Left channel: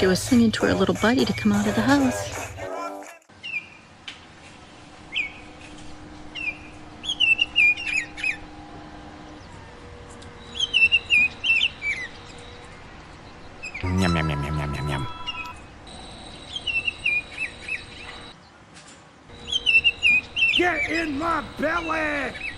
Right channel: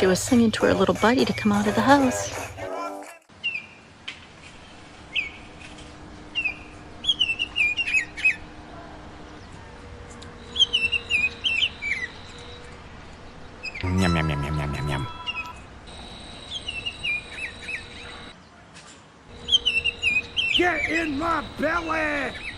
she was singing to her little buddy to come out of the house. Yum, yum, yum, yum, yum, yum, yum. Get in my belly!